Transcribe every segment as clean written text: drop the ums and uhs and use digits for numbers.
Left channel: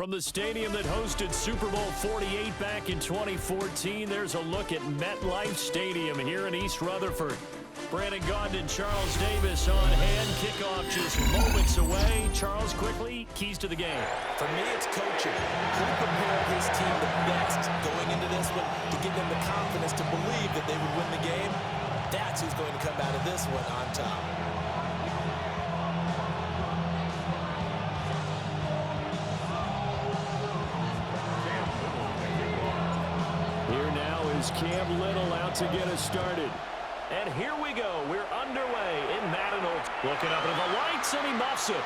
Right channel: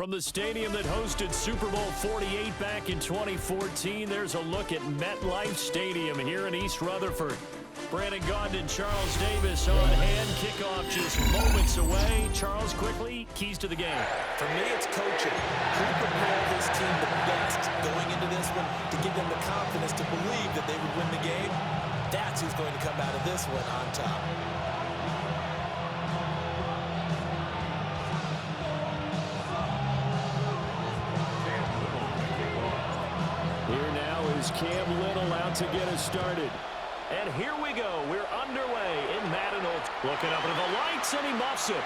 From the stadium that hosted Super Bowl 48 back in 2014, there's a look at MetLife Stadium here in East Rutherford. Brandon Gaudin, Charles Davis on hand. Kickoff just moments away. Charles, quickly, keys to the game. For me, it's coaching. Who prepared his team the best going into this one to give them the confidence to believe that they would win the game? That's who's going to come out of this one on top. Here now is Cam Little out to get us started. And here we go. We're underway in Madden Old. Looking up into the lights, and he muffs it.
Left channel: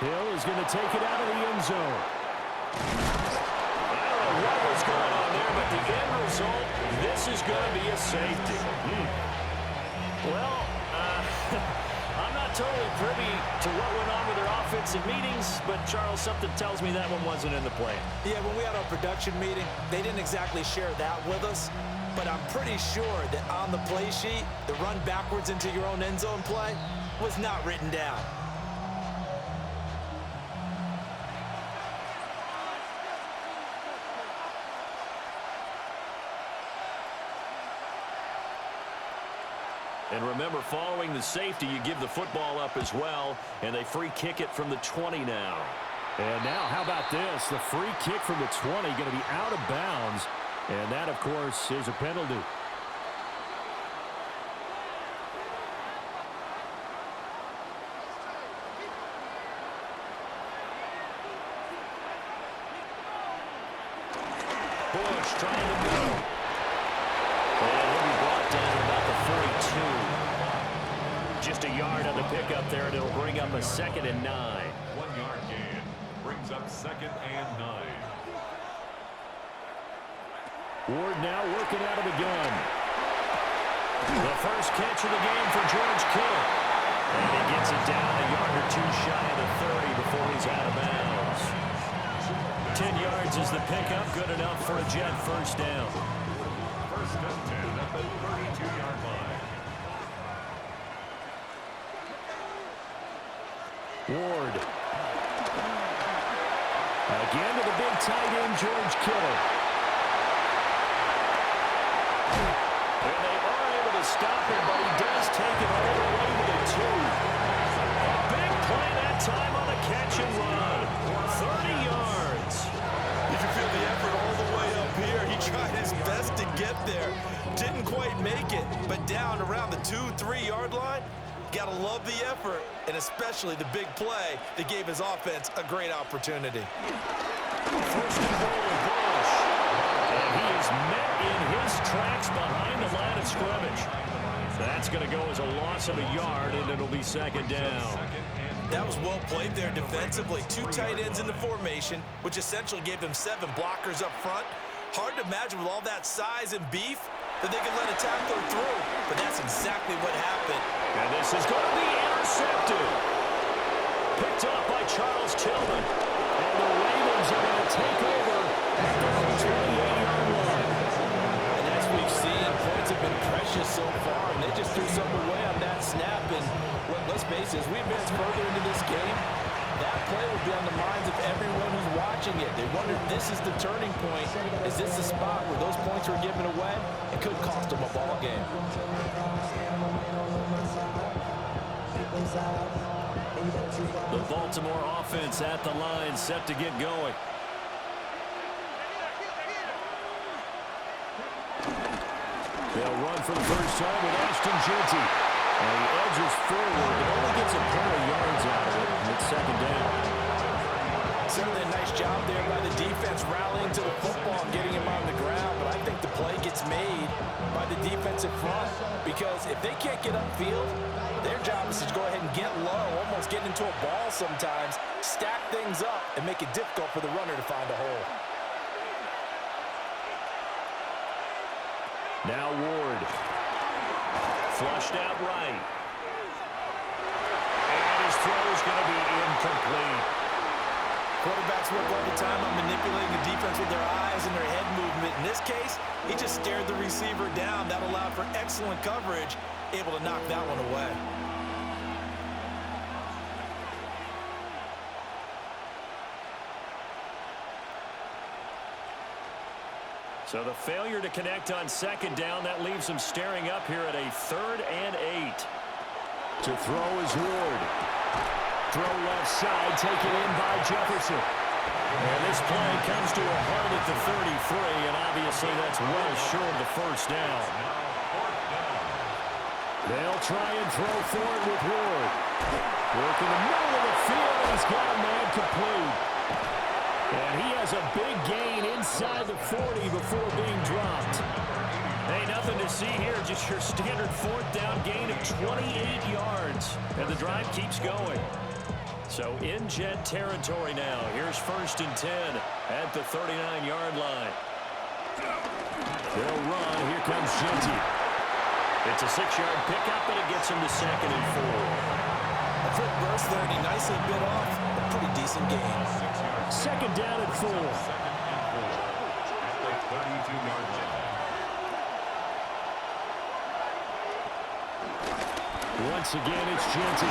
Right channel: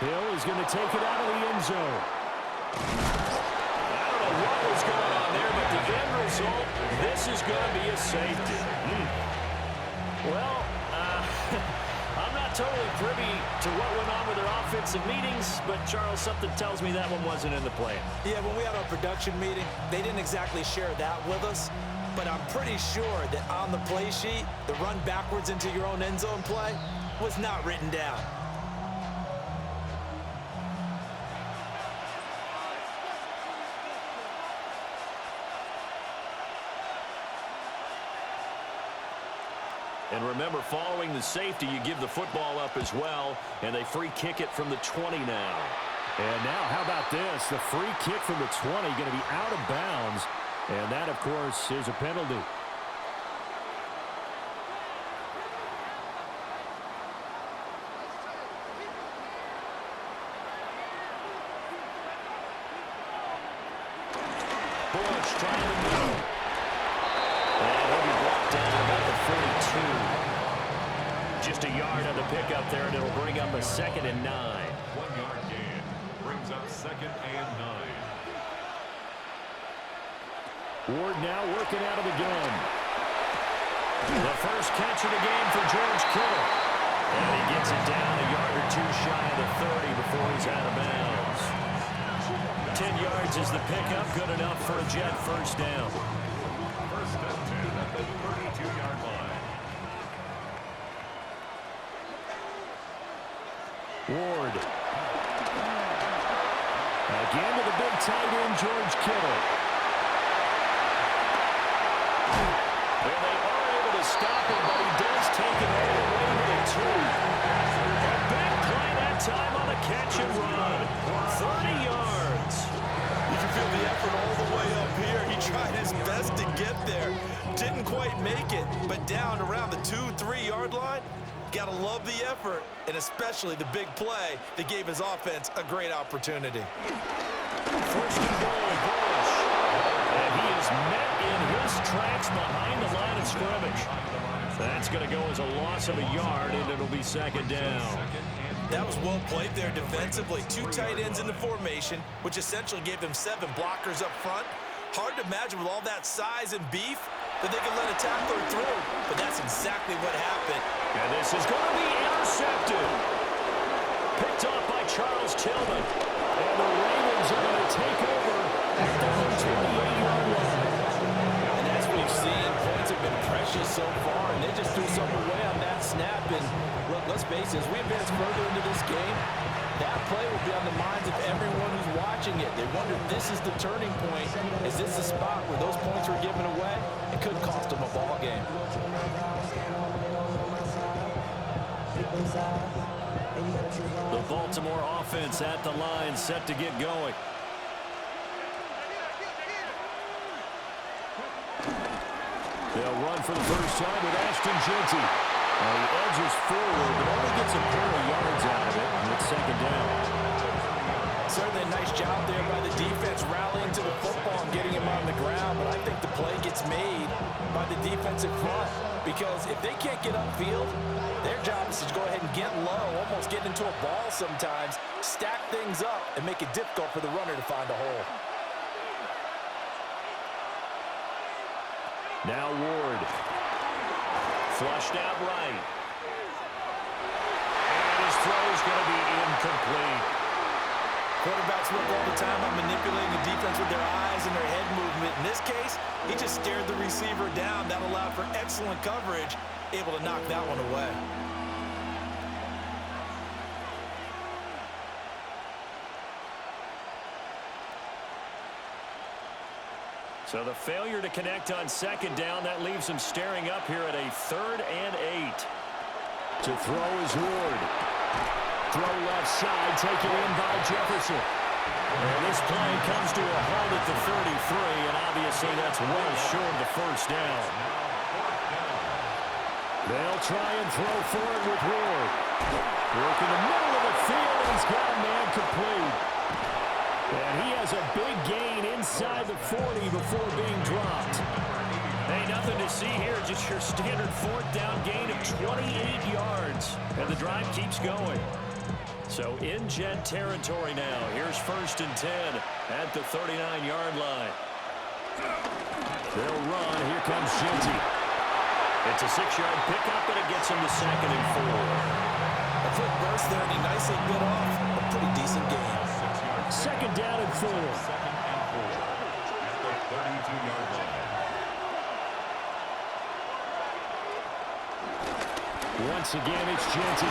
Hill is going to take it out of the end zone. I don't know what was going on there, but the end result, this is going to be a safety. Well, I'm not totally privy to what went on with their offensive meetings, but, Charles, something tells me that one wasn't in the plan. Yeah, when we had our production meeting, they didn't exactly share that with us, but I'm pretty sure that on the play sheet, the run backwards into your own end zone play was not written down. And remember, following the safety, you give the football up as well, and they free kick it from the 20 now. And now, how about this? The free kick from the 20 going to be out of bounds, and that, of course, is a penalty. Bush trying to move. And he'll be brought down at about the 42. Just a yard on the pickup there, and it'll bring up a 2nd and 9. 1 yard gain brings up 2nd and 9. Ward now working out of the gun. The first catch of the game for George Kittle. And he gets it down a yard or two shy of the 30 before he's out of bounds. 10 yards is the pickup, good enough for a Jet first down. First and 10 at the 32-yard line. Ward. Again to the big tight end, George Kittle. And they are able to stop him, but he does take it all the way to the 2. A big play that time on the catch and run. 30 yards. You can feel the effort all the way up here. He tried his best to get there. Didn't quite make it, but down around the 2-3 yard line. Gotta love the effort, and especially the big play that gave his offense a great opportunity. First and goal, Bush. And he is met in his tracks behind the line of scrimmage. That's going to go as a loss of a yard, and it'll be 2nd down. That was well played there defensively. 2 tight ends in the formation, which essentially gave them 7 blockers up front. Hard to imagine with all that size and beef that they could let a tackler through, but that's exactly what happened. And this is going to be intercepted. Picked off by Charles Tillman. And the Ravens are going to take over at their own 28-yard line. And as we've seen, points have been precious so far, and they just threw something away on that snap. And look, let's face it, as we advance further into this game, that play will be on the minds of everyone who's watching it. They wonder if this is the turning point. Is this the spot where those points were given away? It could cost them a ball game. The Baltimore offense at the line, set to get going. They'll run for the first time with Ashton Jeanty. And he edges forward, but only gets a pair of yards out of it, and it's 2nd down. Certainly a nice job there by the defense rallying to the football and getting him on the ground, but I think the play gets made by the defensive front, because if they can't get upfield, their job is to go ahead and get low, almost get into a ball sometimes, stack things up, and make it difficult for the runner to find a hole. Now Ward. Flushed out right. And his throw's going to be incomplete. Quarterbacks work all the time on manipulating the defense with their eyes and their head movement. In this case, he just stared the receiver down. That allowed for excellent coverage, able to knock that one away. So the failure to connect on second down, that leaves them staring up here at a 3rd and 8. To throw is Ward. Throw left side, taken in by Jefferson. And this play comes to a halt at the 33, and obviously that's well short of the first down. They'll try and throw for it with Ward. Work in the middle of the field, and he's got a man complete. And he has a big gain inside the 40 before being dropped. Hey, nothing to see here, just your standard 4th down gain of 28 yards. And the drive keeps going. So in Jet territory now. Here's 1st and 10 at the 39-yard line. They'll run. Here comes Genty. It's a 6-yard pickup, and it gets him to 2nd and 4. A quick burst there, and he nicely bit off a pretty decent gain. 2nd down and 4. 2nd and 4 at the 32-yard line. Once again, it's Genty.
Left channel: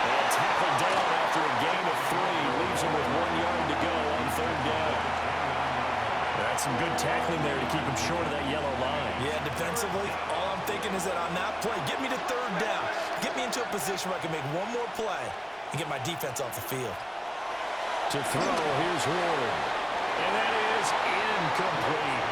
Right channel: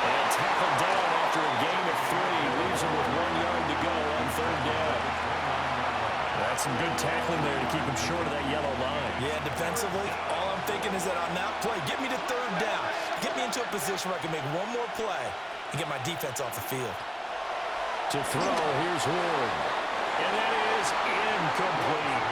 And tackled down after a gain of 3. Leaves him with 1 yard to go on 3rd down. That's some good tackling there to keep him short of that yellow line. Yeah, defensively, all I'm thinking is that on that play, get me to 3rd down. Get me into a position where I can make one more play and get my defense off the field. To throw, here's Ward. And that is incomplete.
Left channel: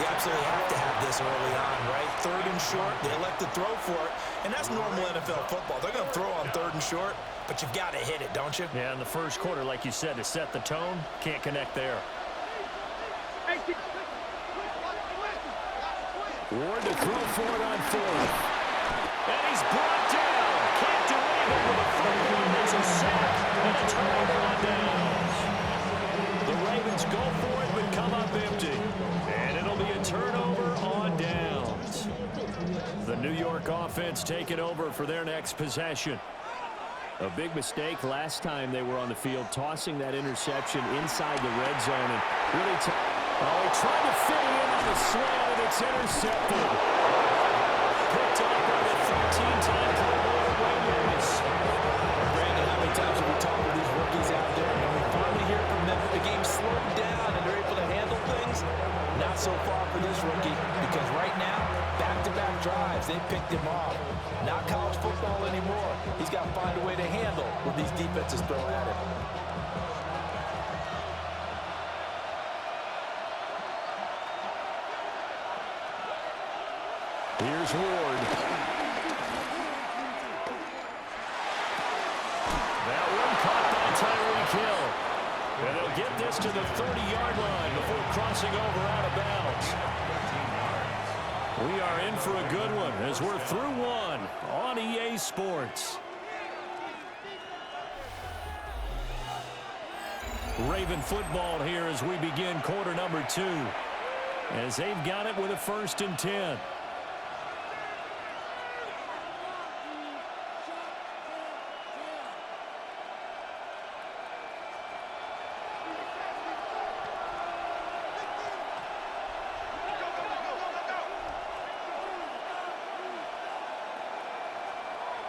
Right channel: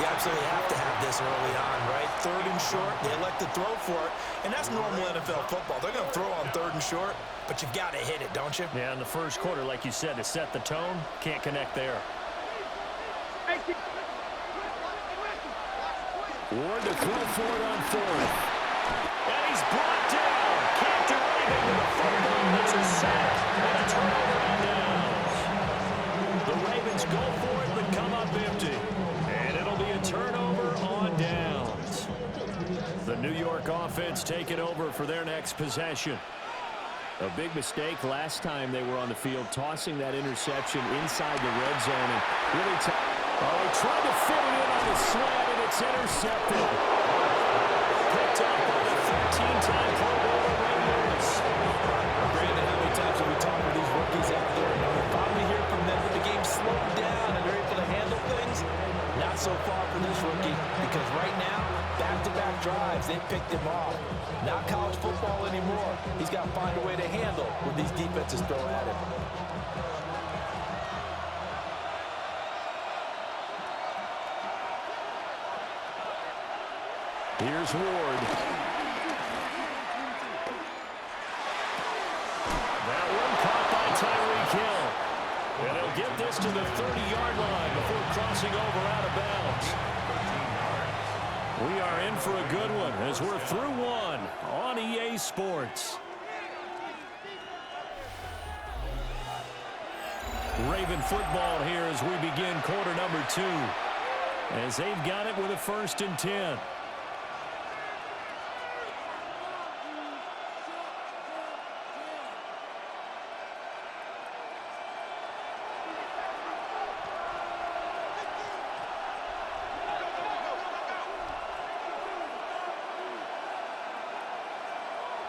You absolutely have to have this early on, right? 3rd and short, they elect to throw for it, and that's normal NFL football. They're going to throw on 3rd and short, but you've got to hit it, don't you? Yeah, in the first quarter, like you said, to set the tone, can't connect there. Ward to throw for it on 4th. And he's brought down. Can't do anything with the football. It's a sack and a turnover on downs. The Ravens go for it, but come up empty. And it'll be a turnover on downs. The New York offense taking over for their next possession. A big mistake last time they were on the field, tossing that interception inside the red zone. And really, he tried to fit it in on the slant, and it's intercepted. Picked off by the 13-time Pro Bowler Ray Lewis. Brandon, how many times have we talked with these rookies out there, and we finally hear from them that the game slowed down and they're able to handle things? Not so far for this rookie, because right now, back-to-back drives, they picked him off. Not college football anymore. He's got to find a way to handle what these defenses throw at him. Here's Ward. That one caught by Tyreek Hill. And they'll get this to the 30-yard line before crossing over out of bounds. We are in for a good one as we're through one on EA Sports. Raven football here as we begin quarter number 2. As they've got it with a 1st and 10.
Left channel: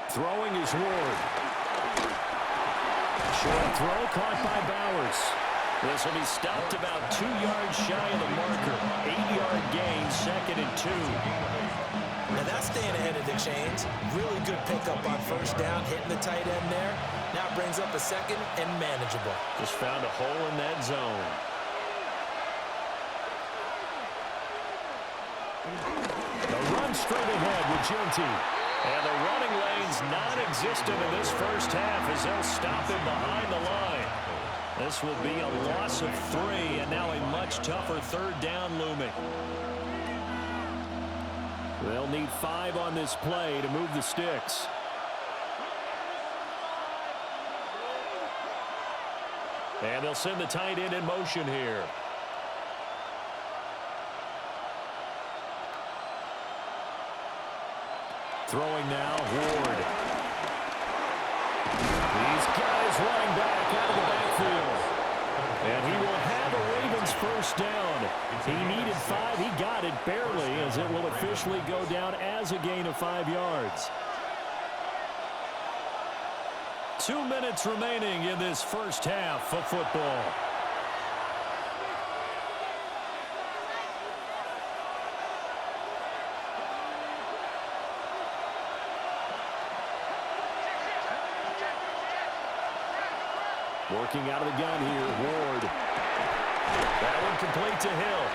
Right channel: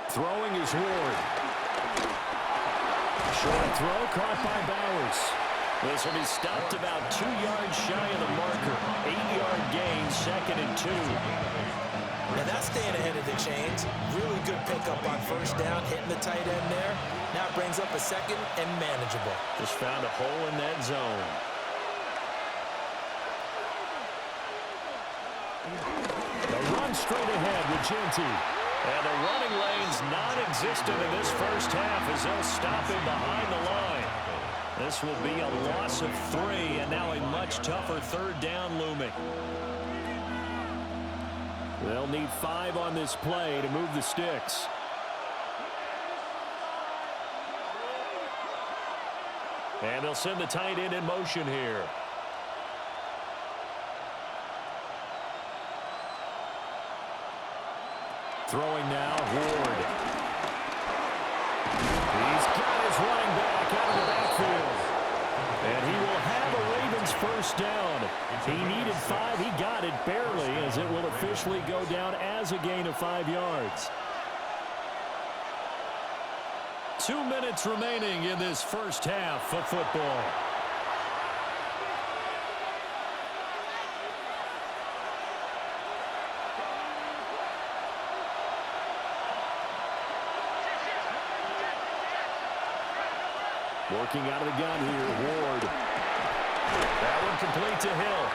Throwing is Ward. Short throw caught by Bowers. This will be stopped about 2 yards shy of the marker. 8-yard gain, 2nd and 2. Now that's staying ahead of the chains. Really good pickup on 1st down, hitting the tight end there. Now it brings up a 2nd and manageable. Just found a hole in that zone. The run straight ahead with Genty. And the running lane's non-existent in this first half as they'll stop him behind the line. This will be a loss of 3, and now a much tougher 3rd down looming. They'll need 5 on this play to move the sticks. And they'll send the tight end in motion here. Throwing now, Ward. He's got his running back out of the backfield. And he will have a Ravens 1st down. He needed 5. He got it barely, as it will officially go down as a gain of 5 yards. 2 minutes remaining in this first half of football. Working out of the gun here, Ward. That one complete to Hill.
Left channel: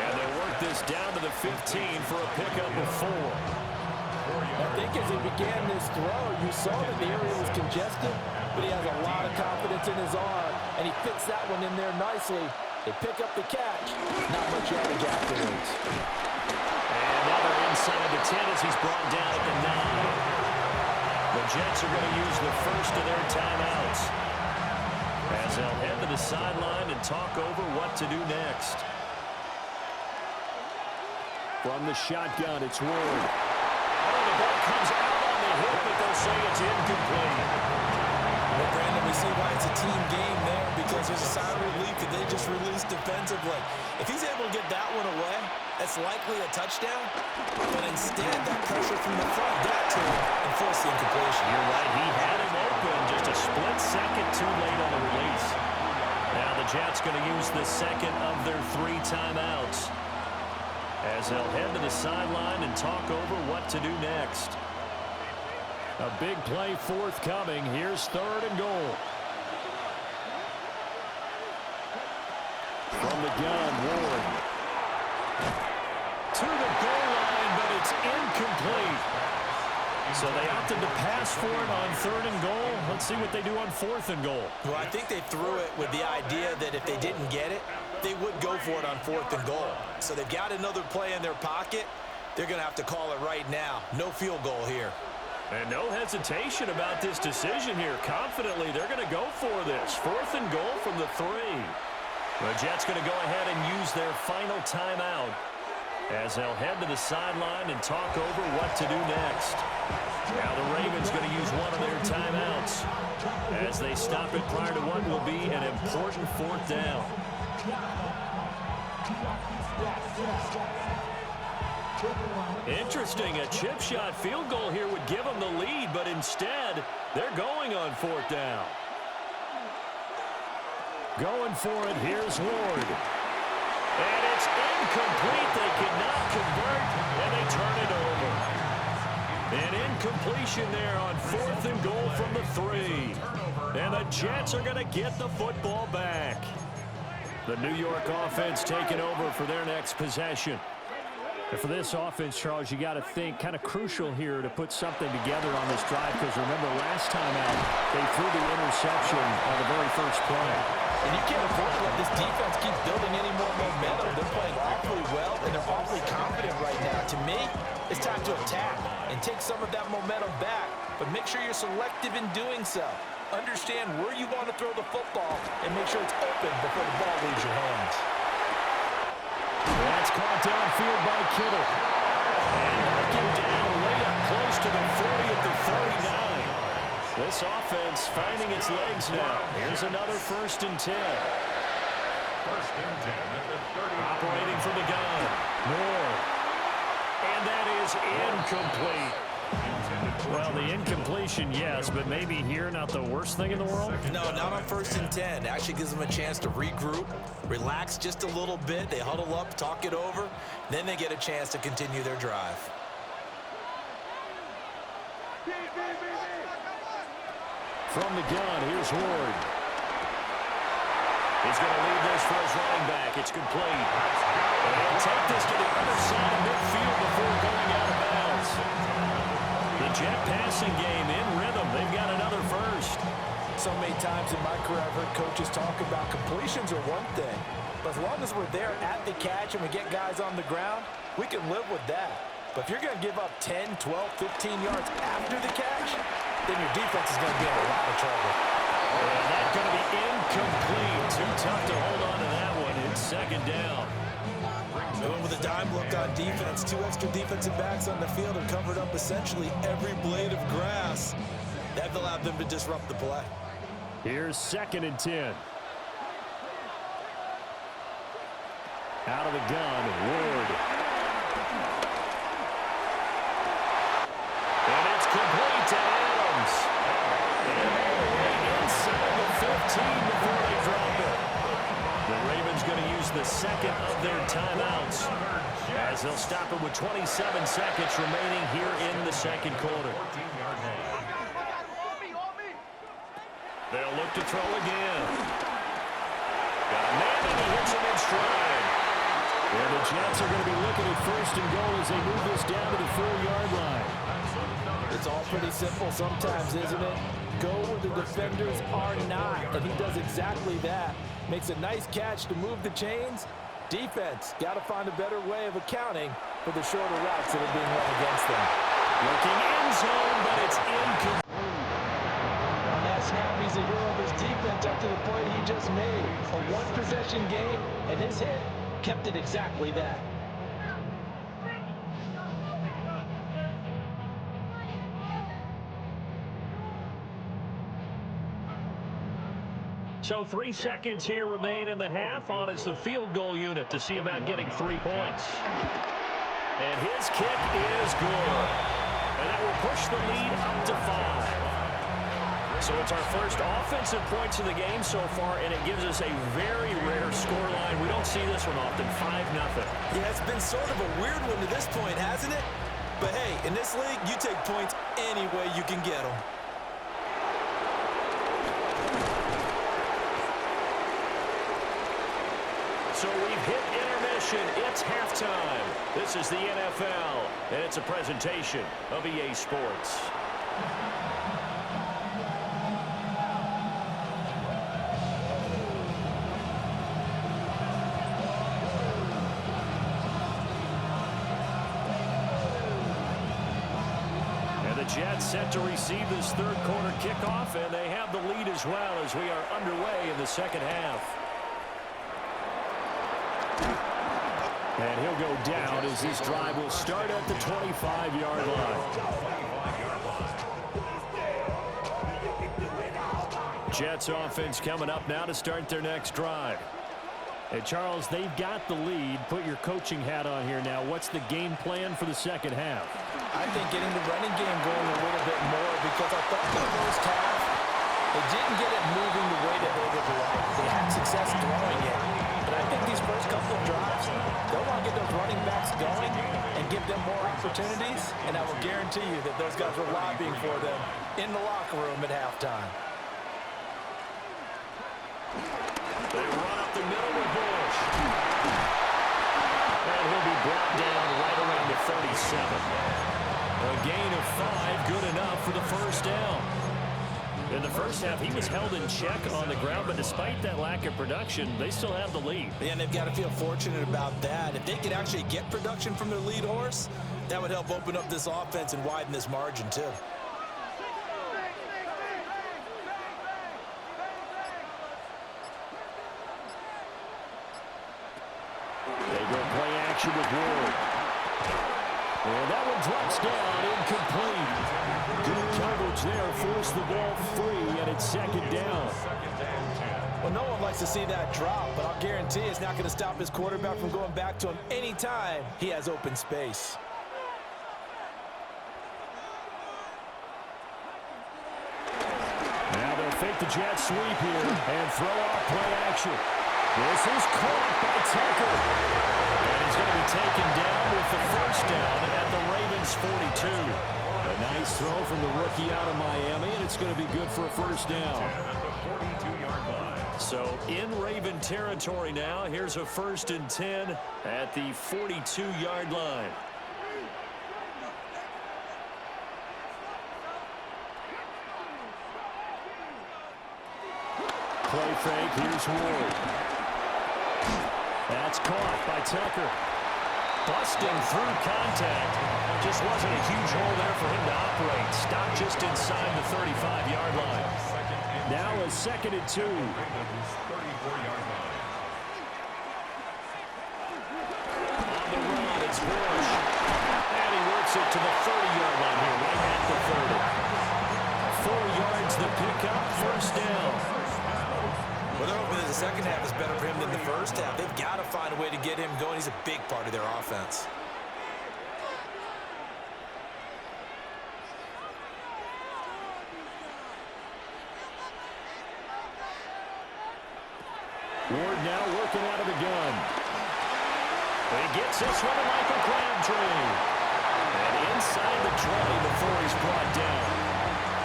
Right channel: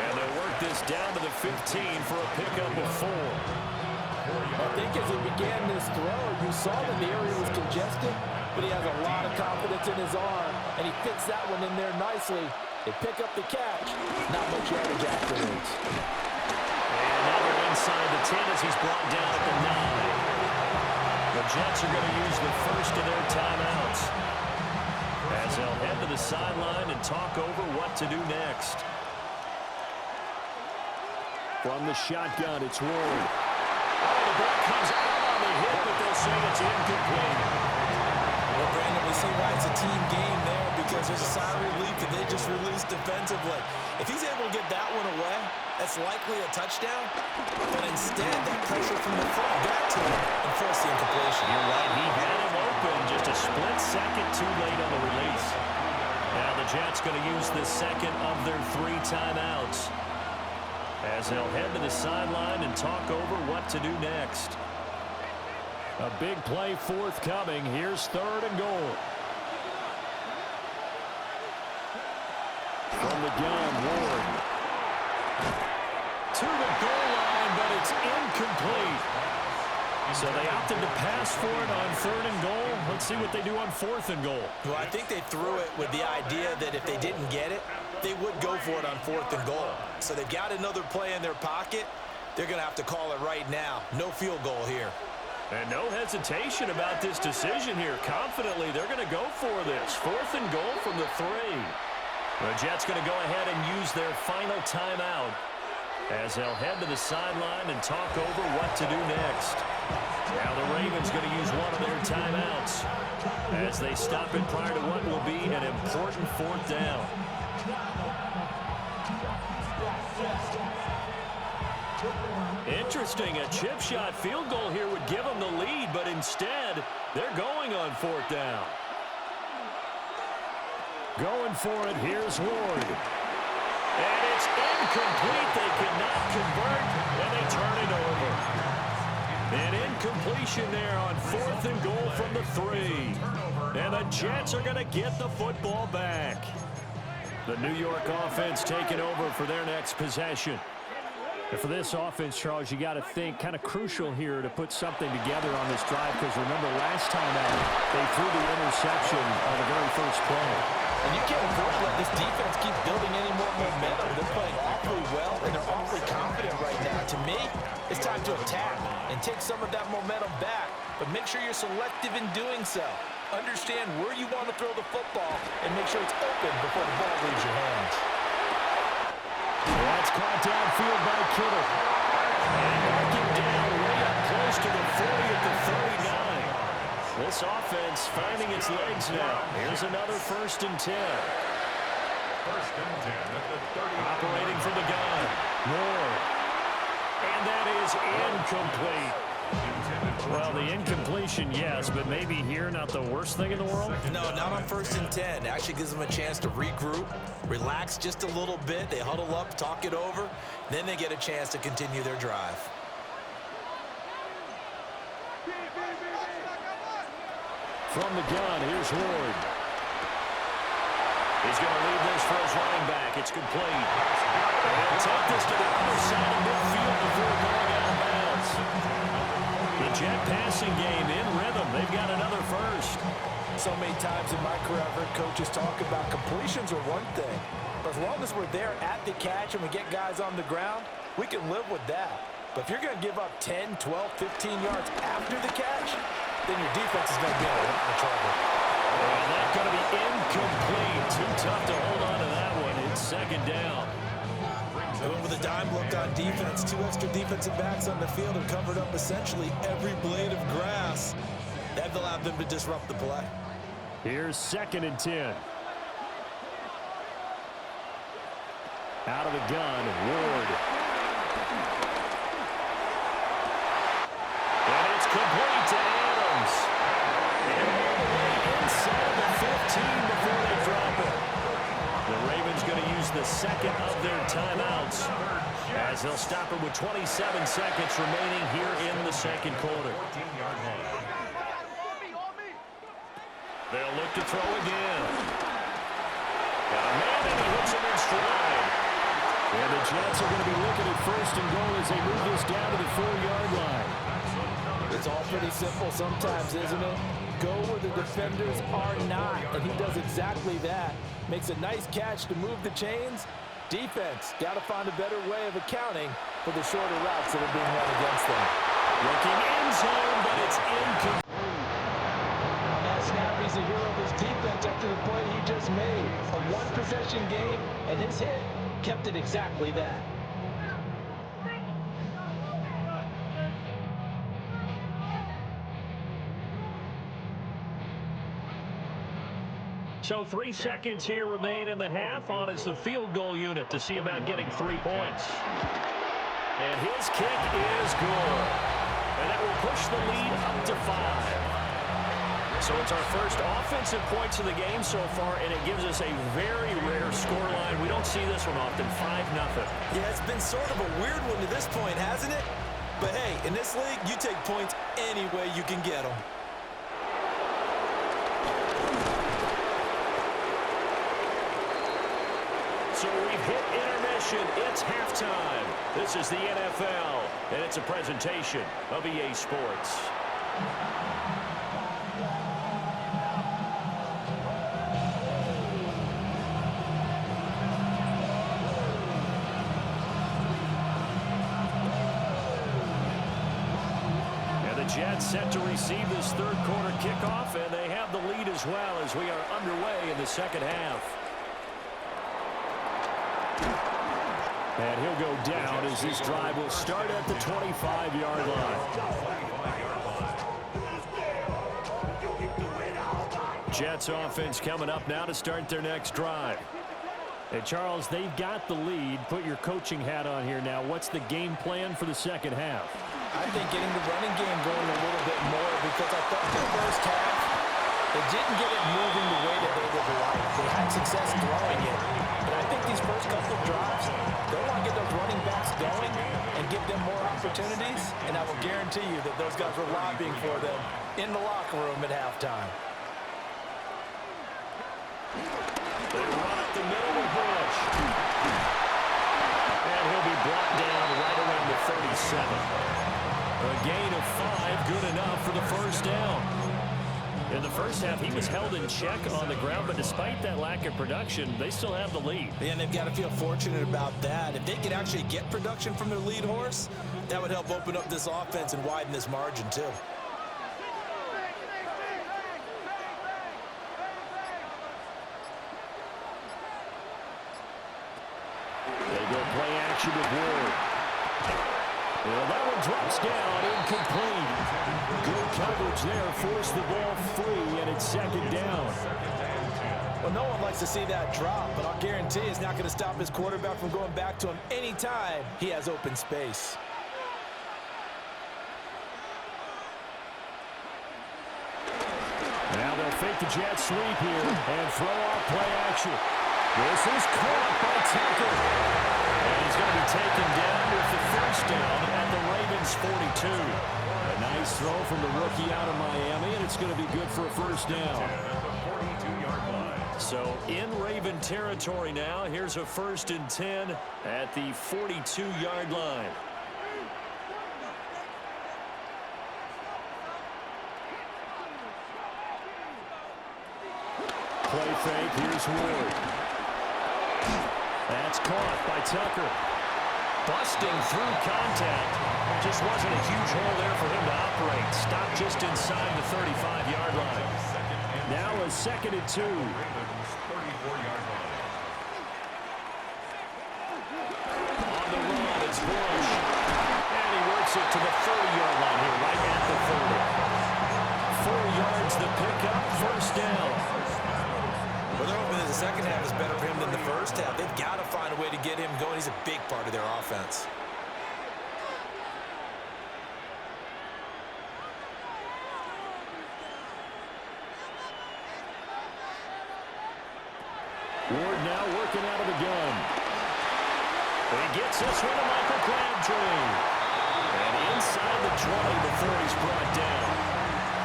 And they'll work this down to the 15 for a pickup of 4. I think as he began this throw, you saw that the area was congested, but he has a lot of confidence in his arm, and he fits that one in there nicely. They pick up the catch. Not much yardage afterwards. And now they're inside the 10 as he's brought down at the 9. The Jets are going to use the first of their timeouts as they'll head to the sideline and talk over what to do next. From the shotgun, it's Ward. Oh, the ball comes out on the hit, but they'll say it's incomplete. Well, Brandon, we see why it's a team game there, because there's a sigh of relief that they just released defensively. If he's able to get that one away, that's likely a touchdown. But instead, that pressure from the front got to him and forced the incompletion. You're right. He had him open just a split second too late on the release. Now the Jets going to use the second of their 3 timeouts as they'll head to the sideline and talk over what to do next. A big play forthcoming. Here's 3rd and goal. From the gun, Ward. To the goal line, but it's incomplete. So they opted to pass for it on 3rd and goal. Let's see what they do on 4th and goal. Well, I think they threw it with the idea that if they didn't get it, they would go for it on 4th and goal. So they've got another play in their pocket. They're going to have to call it right now. No field goal here. And no hesitation about this decision here. Confidently, they're going to go for this. 4th and goal from the 3. The Jets going to go ahead and use their final timeout as they'll head to the sideline and talk over what to do next. Now the Ravens going to use one of their timeouts as they stop it prior to what will be an important 4th down. Interesting, a chip shot field goal here would give them the lead, but instead they're going on 4th down. Going for it, here's Ward. And it's incomplete. They cannot convert, and they turn it over. An incompletion there on 4th and goal from the 3. And the Jets are going to get the football back. The New York offense taking over for their next possession. And for this offense, Charles, you got to think kind of crucial here to put something together on this drive, because remember last time out they threw the interception on the very first play. And you can't afford to let this defense keep building any more momentum. They're playing awfully well, and they're awfully confident right now. To me, it's time to attack and take some of that momentum back, but make sure you're selective in doing so. Understand where you want to throw the football and make sure it's open before the ball leaves your hands. That's caught downfield by Kittle. And marking down way up close to the 40 at the 39. This offense finding its legs now. Here's another 1st and 10. 1st and 10 at the 30. Operating from the gun. Ward. And that is incomplete. Well, the incompletion, yes, but maybe here not the worst thing in the world? No, not on 1st and 10. Actually gives them a chance to regroup, relax just a little bit. They huddle up, talk it over, then they get a chance to continue their drive. From the gun, here's Ward. He's going to leave this for his running back. It's complete. And he'll take this to the other side of midfield before going out of bounds. The Jet passing game in rhythm. They've got another 1st. So many times in my career, I've heard coaches talk about completions are one thing, but as long as we're there at the catch and we get guys on the ground, we can live with that. But if you're going to give up 10, 12, 15 yards after the catch, then your defense is going to be in a lot of trouble. And that's going to be incomplete. Too tough to hold on to that one. It's 2nd down. Going with a dime look on defense, 2 extra defensive backs on the field and covered up essentially every blade of grass. That allowed them to disrupt the play. Here's 2nd and 10. Out of the gun, Ward. And it's complete to Adams. And all the way inside the 15 before they drop it. The Ravens going to use the 2nd of their timeouts as they'll stop it with 27 seconds remaining here in the 2nd quarter. They'll look to throw again. Got a man, and he hits him in stride. And the Jets are going to be looking at first and goal as they move this down to the 4-yard line. It's all pretty simple sometimes, isn't it? Go where the defenders are not, and he does exactly that. Makes a nice catch to move the chains. Defense, got to find a better way of accounting for the shorter routes that are being run against them. Looking end zone, but it's incomplete. On that snap, he's a hero of his defense after the play he just made. A one-possession game, and his hit kept it exactly that. So 3 seconds here remain in the half on as the field goal unit to see about getting 3 points. And his kick is good. And that will push the lead up to 5. So it's our first offensive points of the game so far, and it gives us a very rare scoreline. We don't see this one often, 5-0. Yeah, it's been sort of a weird one to this point, hasn't it? But hey, in this league, you take points any way you can get them. So we've hit intermission. It's halftime. This is the NFL, and it's a presentation of EA Sports. And the Jets set to receive this third quarter kickoff, and they have the lead as well as we are underway in the second half. And he'll go down as this drive will start at the 25-yard line. Jets offense coming up now to start their next drive. Hey, Charles, they've got the lead. Put your coaching hat on here now. What's the game plan for the second half? I think getting the running game going a little bit more, because I thought the first half, they didn't get it moving the way that they would like. They had success throwing it. But I think these first couple of drives, they'll want to get those running backs going and give them more opportunities. And I will guarantee you that those guys were lobbying for them in the locker room at halftime. They run up the middle with Bush. And he'll be brought down right around the 37. A gain of 5, good enough for the first down. In the first half, he was held in check on the ground, but despite that lack of production, they still have the lead. Yeah, and they've got to feel fortunate about that. If they could actually get production from their lead horse, that would help open up this offense and widen this margin, too. They go play action with Ward. And that one drops down, incomplete. Good coverage there, forced the ball free, and it's second down. Well, no one likes to see that drop, but I'll guarantee it's not going to stop his quarterback from going back to him anytime he has open space. Now they'll fake the jet sweep here and throw off play action. This is caught by Tucker. And he's going to be taken down with the first down at the Ravens 42. A nice throw from the rookie out of Miami, and it's going to be good for a first down. So in Raven territory now, here's a 1st and 10 at the 42-yard line. Play fake, here's Ward. That's caught by Tucker. Busting through contact. Just wasn't a huge hole there for him to operate. Stopped just inside the 35-yard line. Now a 2nd and 2. On the run, it's Bush. And he works it to the 30-yard line here, right at the 30. 4 yards the pickup, first down. Well, they're hoping that the second half is better for him than the first half. They've got to find a way to get him going. He's a big part of their offense. Ward now working out of the gun. He gets this one to Michael Crabtree. And inside the 20 before he's brought down.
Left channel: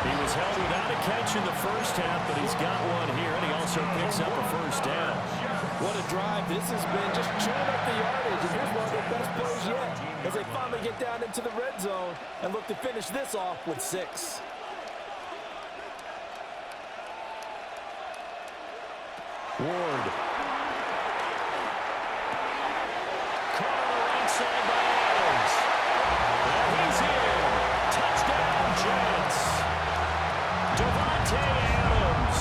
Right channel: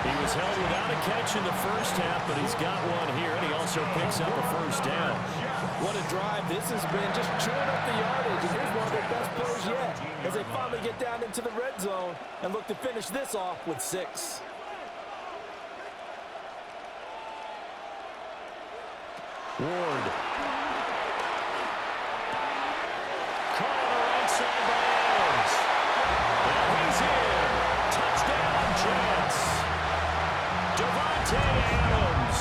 He was held without a catch in the first half, but he's got one here, and he also picks up a first down. What a drive this has been, just chewing up the yardage, and here's one of their best plays yet as they finally get down into the red zone and look to finish this off with 6. Ward. Caught on the right side by Adams. And he's in. Touchdown, Jets. Davante Adams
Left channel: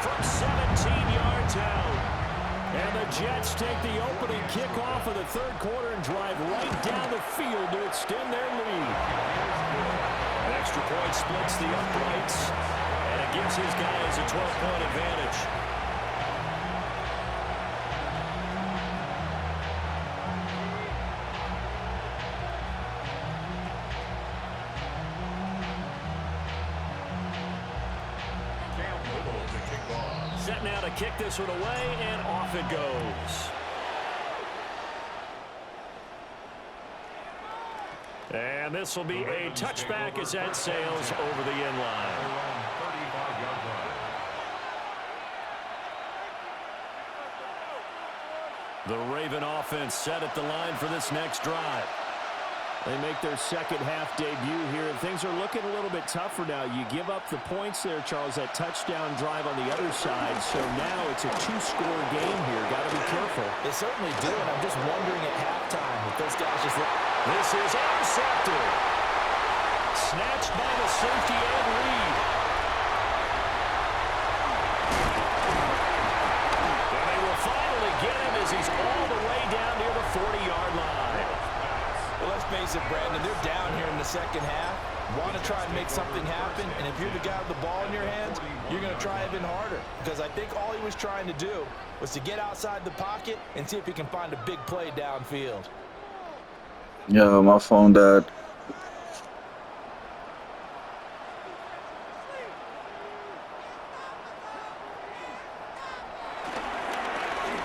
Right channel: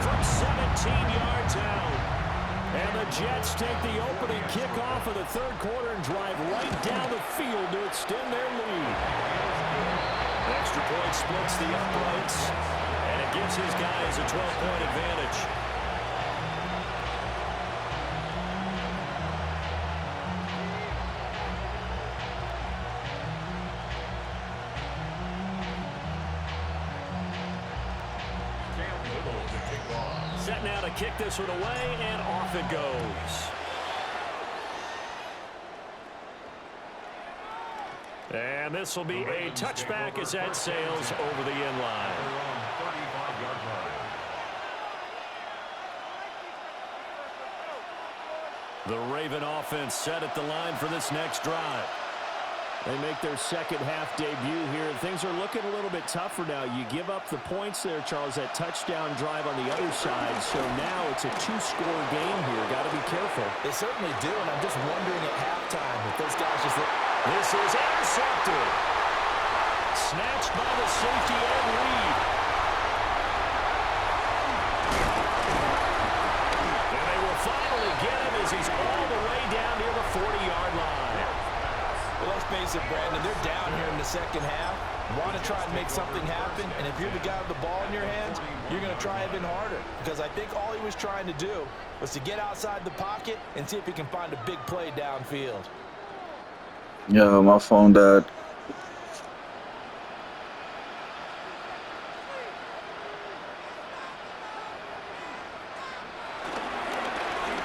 from 17 yards out. And the Jets take the opening kickoff of the third quarter and drive right down the field to extend their lead. An extra point splits the uprights, and it gives his guys a 12-point advantage. Set now to kick this one away, and off it goes. And this will be a touchback as that sails over the end line. The Raven offense set at the line for this next drive. They make their second half debut here, and things are looking a little bit tougher now. You give up the points there, Charles, that touchdown drive on the other side. So now it's a 2-score game here. Got to be careful. They certainly do, and I'm just wondering at halftime if those guys just look. This is intercepted. Snatched by the safety Ed Reed. And they will finally get him as he's all the way down near the 40-yard line. Well, let's face it, Brandon, they're down here in the second half. Want to try and make something happen, and if you're the guy with the ball in your hands, you're going to try even harder. Because I think all he was trying to do was to get outside the pocket and see if he can find a big play downfield. Yeah, my phone died.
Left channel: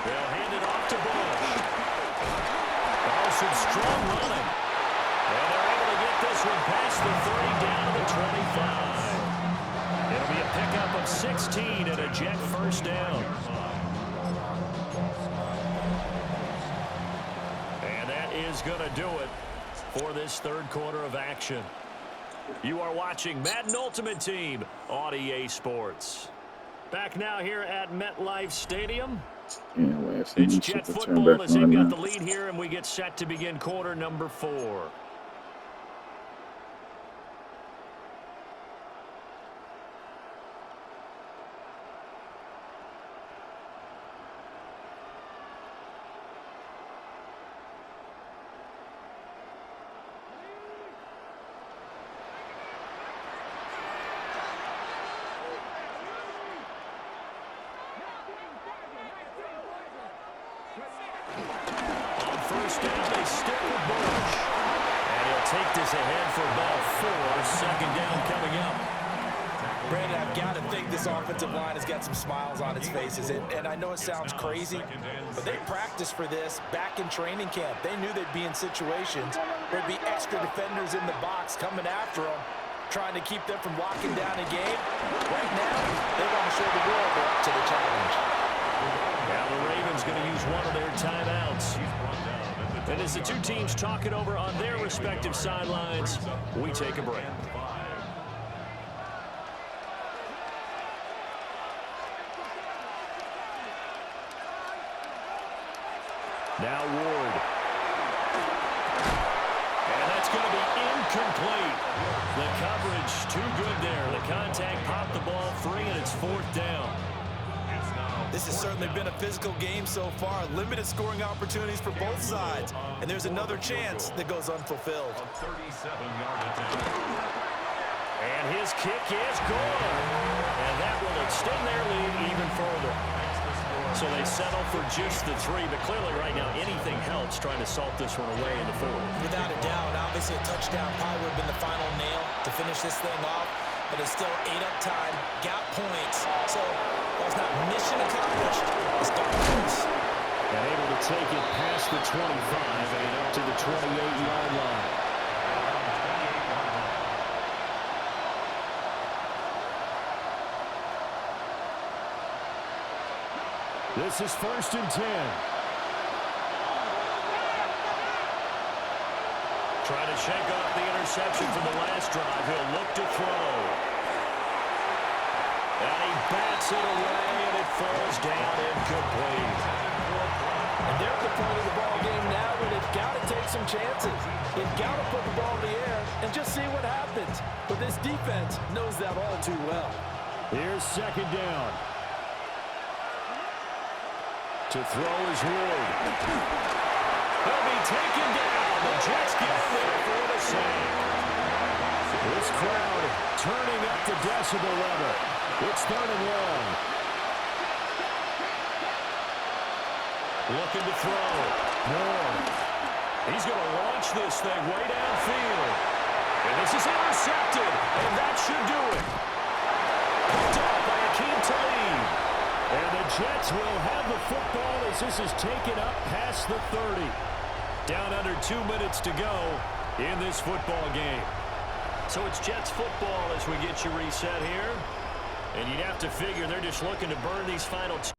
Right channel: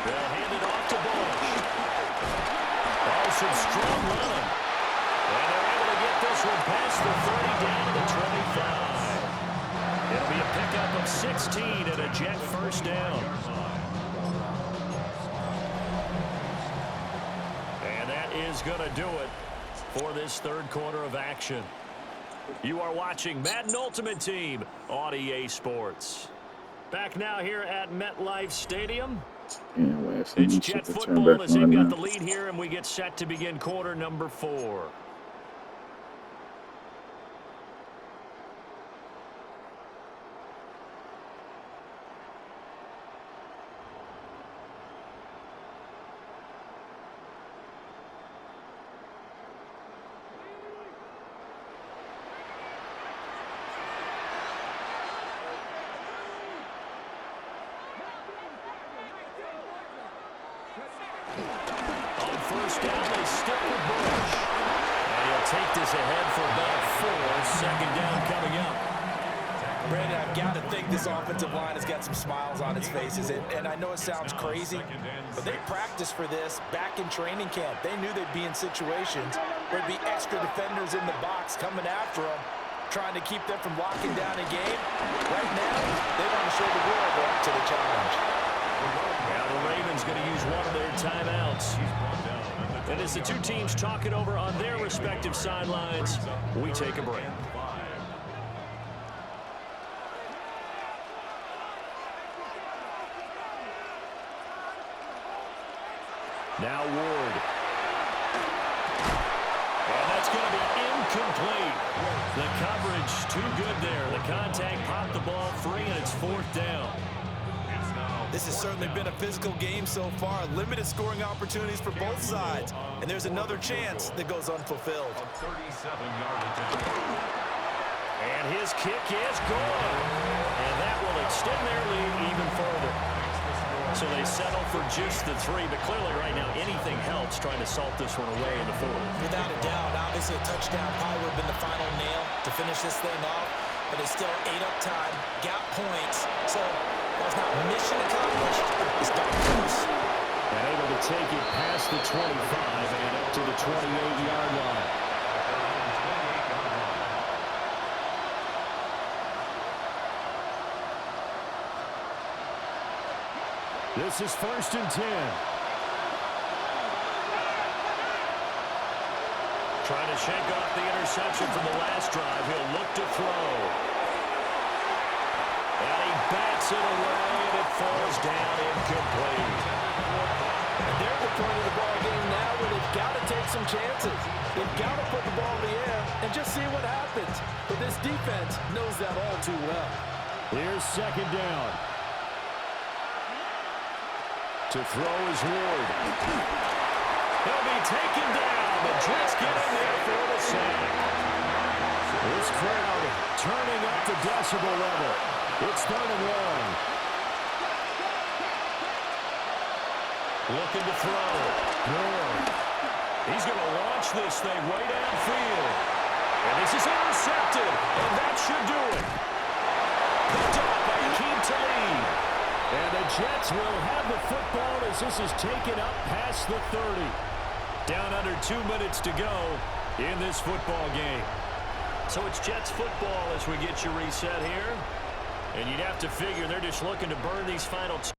They'll hand it off to Bush. Oh, some strong running. And they're able to get this one past the 30 down to the 25. It'll be a pickup of 16 and a Jet first down. And that is going to do it for this third quarter of action. You are watching Madden Ultimate Team on EA Sports. Back now here at MetLife Stadium. Anyway, It's Jet football as they've got the lead here, and we get set to begin quarter number 4. On first down, they stick with Bush. And he'll take this ahead for about 4. Second down coming up. Brandon, I've got to think this offensive line has got some smiles on its faces. And I know it sounds crazy, but they practiced for this back in training camp. They knew they'd be in situations where there'd be extra defenders in the box coming after them, trying to keep them from locking down a game. Right now, they want to show the world they're up to the challenge. Now the Ravens going to use one of their timeouts. And as the two teams talk it over on their respective sidelines, we take a break. Now Ward. And that's going to be incomplete. The coverage too good there. The contact popped the ball free, and it's 4th down. This has certainly been a physical game so far. Limited scoring opportunities for both sides. And there's another chance that goes unfulfilled. And his kick is good. And that will extend their lead even further. So they settle for just the 3. But clearly right now anything helps trying to salt this one away in the 4th. Without a doubt, obviously a touchdown probably would have been the final nail to finish this thing off. But it's still ate up time, got points. So while it's not mission accomplished, it's done close. And able to take it past the 25 and up to the 28-yard line. This is 1st and 10. Trying to shake off the interception from the last drive. He'll look to throw. And he bats it away, and it falls down incomplete. And they're at the point of the ball game now where they've got to take some chances. They've got to put the ball in the air and just see what happens. But this defense knows that all too well. Here's 2nd down. To throw is Ward. He'll be taken down. The Jets get in there for the sack. This crowd turning up the decibel level. It's 3rd and long. Looking to throw. Moore. He's going to launch this thing way downfield. And this is intercepted. And that should do it. Picked off by Akeem Talib. And the Jets will have the football as this is taken up past the 30. Down under 2 minutes to go in this football game. So it's Jets football as we get you reset here. And you'd have to figure they're just looking to burn these final 2